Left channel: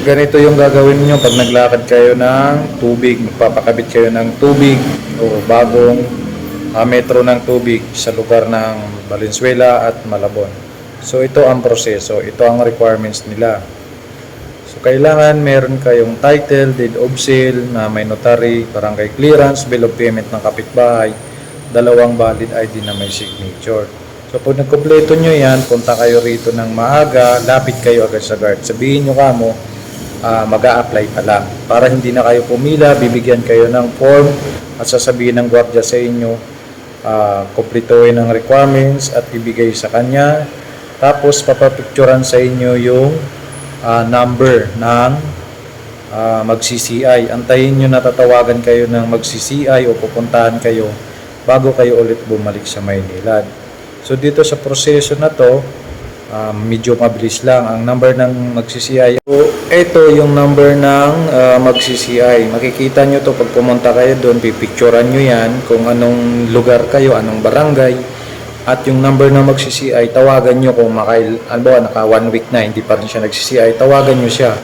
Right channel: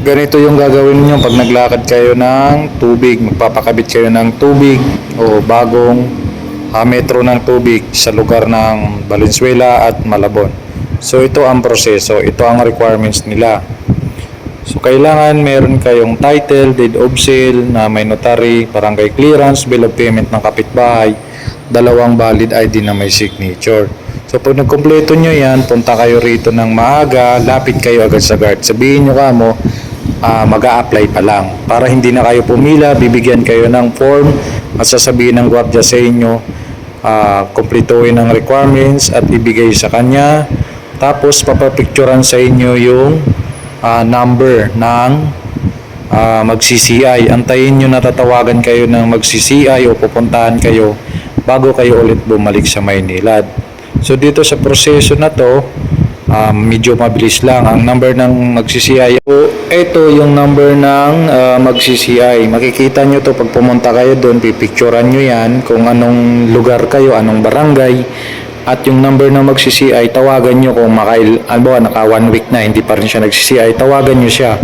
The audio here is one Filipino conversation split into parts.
ganito yung gagawin nyo pag naglakad kayo ng tubig, magpapakabit kayo ng tubig o bagong ah, metro ng tubig sa lugar ng Valenzuela at Malabon. So ito ang proseso, ito ang requirements nila. So kailangan meron kayong title, deed of sale na may notary, barangay clearance, bill of payment ng kapitbahay, dalawang valid ID na may signature. So pag nagkompleto nyo yan, punta kayo rito ng maaga, lapit kayo agad sa guard. Sabihin nyo ka mo, ah, mag apply pa lang. Para hindi na kayo pumila, bibigyan kayo ng form at sasabihin ng gwardiya sa inyo, ah, kumpletuhin ang requirements at ibigay sa kanya. Tapos papapicturan sa inyo yung ah, number ng ah, mag-CCI. Antayin nyo na tatawagan kayo ng mag-CCI o pupuntahan kayo bago kayo ulit bumalik sa Maynilad. So dito sa proseso na to, ah, medyo mabilis lang. Ang number ng mag-CCI. So, ito yung number ng ah, mag-CCI. Makikita nyo to pag pumunta kayo doon, pipicturean nyo yan kung anong lugar kayo, anong barangay. At yung number ng mag-CCI, tawagan nyo kung makail, albawa naka one week na, hindi pa rin siya nag-CCI, tawagan nyo siya.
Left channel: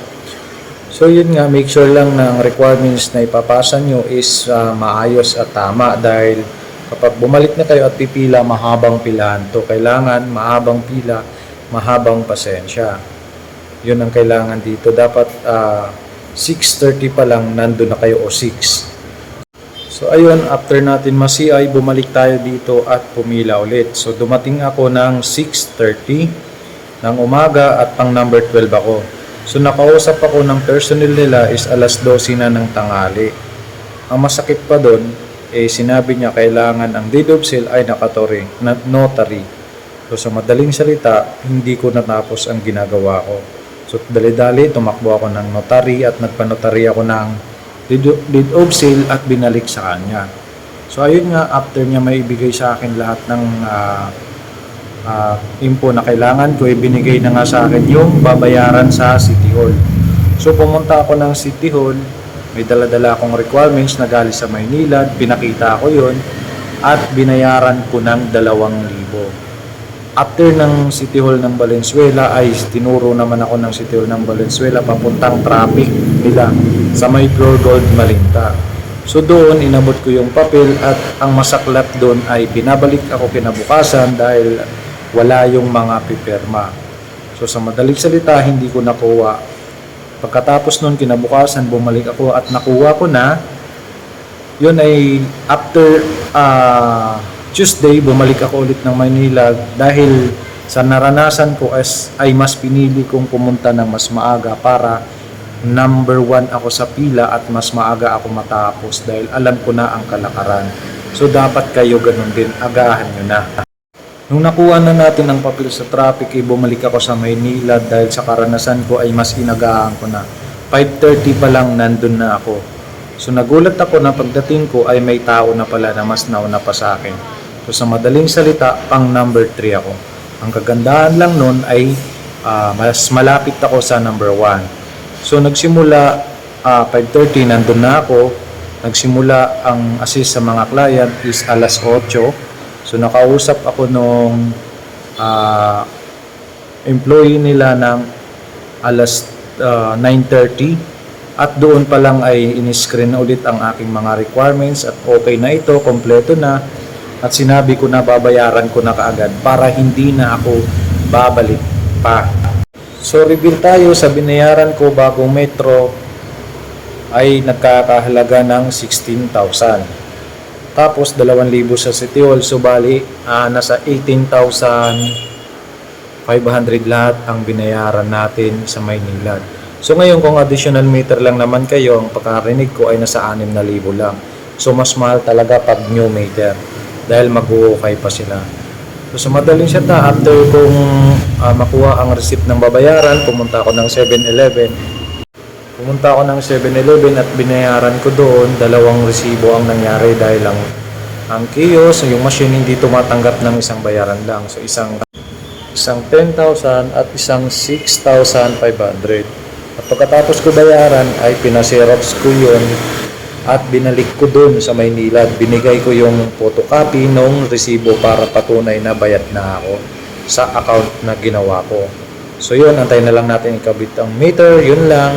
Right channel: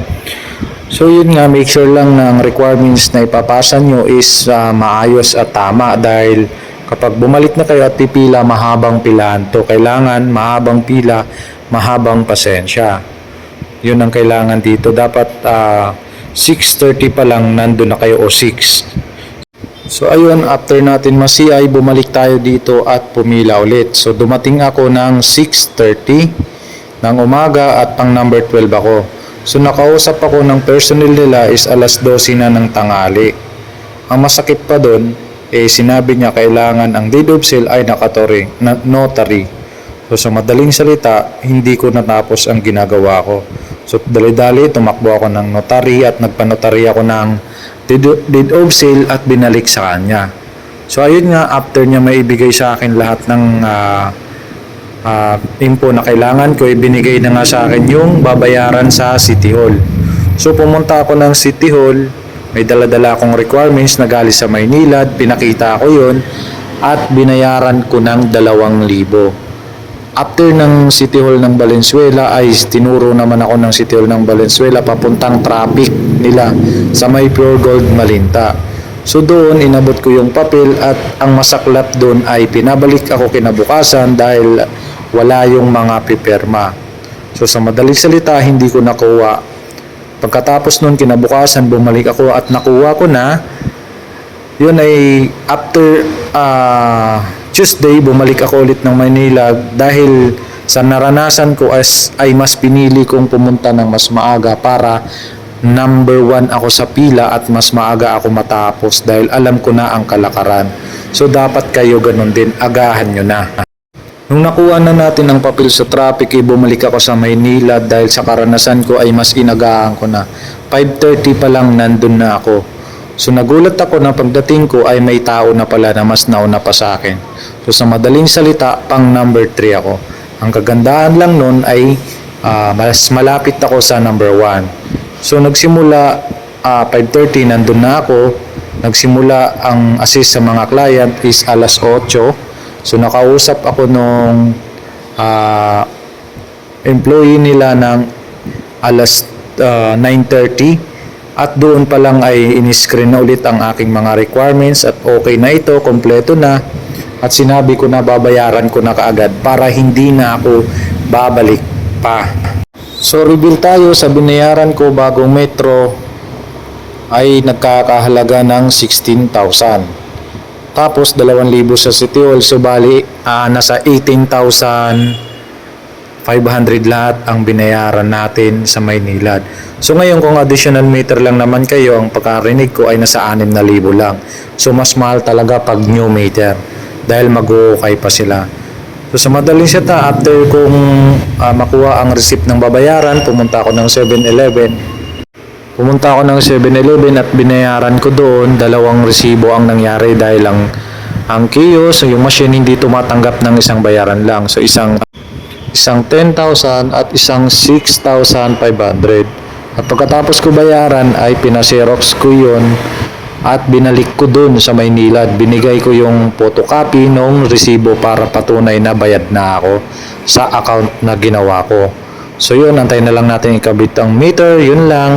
So yun nga, make sure lang na ang requirements na ipapasa nyo is ah, maayos at tama dahil kapag bumalik na kayo at pipila, mahabang pilahan to. Kailangan mahabang pila, mahabang pasensya. Yun ang kailangan dito. Dapat ah, 6.30 pa lang nandun na kayo o 6. So ayun, after natin masi-ay, bumalik tayo dito at pumila ulit. So dumating ako ng 6.30 ng umaga at pang number 12 ako. So nakausap ako ng personnel nila is alas 12 na ng tangali. Ang masakit pa doon, eh sinabi niya kailangan ang deed of sale ay nakatory, na, notary. So sa madaling salita, hindi ko natapos ang ginagawa ko. So dali-dali, tumakbo ako ng notary at nagpanotary ako ng deed, of sale at binalik sa kanya. So ayun nga, after niya maibigay sa akin lahat ng ah, ah, info na kailangan ko, ibinigay na nga sa akin yung babayaran sa City Hall. So pumunta ako ng City Hall, may dala-dala akong requirements na galing sa Maynila, pinakita ko yon at binayaran ko ng 2,000. After ng City Hall ng Valenzuela ay tinuro naman ako ng City Hall ng Valenzuela papuntang traffic nila sa may Pure Gold Malinta. So doon inabot ko yung papel at ang masaklap doon ay pinabalik ako kinabukasan dahil wala yung mga pipirma. So sa madaling salita hindi ko nakuha. Pagkatapos noon kinabukasan bumalik ako at nakuha ko na yun ay after ah, Tuesday bumalik ako ulit ng Manila dahil sa naranasan ko as ay mas pinili kong pumunta ng mas maaga para number one ako sa pila at mas maaga ako matapos dahil alam ko na ang kalakaran. So dapat kayo ganun din, agahan nyo na. Nung nakuha na natin ang papel sa traffic, eh, bumalik ako sa Maynila dahil sa karanasan ko ay mas inagahan ko na. 5.30 pa lang nandun na ako. So nagulat ako na pagdating ko ay may tao na pala na mas nauna pa sa akin. So sa madaling salita, pang number 3 ako. Ang kagandahan lang nun ay ah, mas malapit ako sa number 1. So nagsimula ah, 5.30 nandun na ako. Nagsimula ang assist sa mga client is alas 8. So nakausap ako nung ah, employee nila ng alas ah, 9.30 at doon pa lang ay in-screen na ulit ang aking mga requirements at okay na ito, kompleto na at sinabi ko na babayaran ko na kaagad para hindi na ako babalik pa. So reveal tayo sa binayaran ko bagong metro ay nagkakahalaga ng 16,000. Tapos 2,000 sa City Hall, so bali ah, nasa 18,500 lahat ang binayaran natin sa Maynilad. So ngayon kung additional meter lang naman kayo, ang pagkarinig ko ay nasa 6,000 lang. So mas mahal talaga pag new meter dahil mag-uukay pa sila. So sa madaling sita, after kung ah, makuha ang receipt ng babayaran, pumunta ako ng 7-Eleven. Pumunta ako ng 7-Eleven at binayaran ko doon, dalawang resibo ang nangyari dahil ang ang kiosk, yung machine hindi tumatanggap ng isang bayaran lang. So isang isang 10,000 at isang 6,500. At pagkatapos ko bayaran ay pinaserox ko yun at binalik ko dun sa Maynila at binigay ko yung photocopy ng resibo para patunay na bayad na ako sa account na ginawa ko. So yun, antayin na lang natin ikabit ang meter. Yun lang.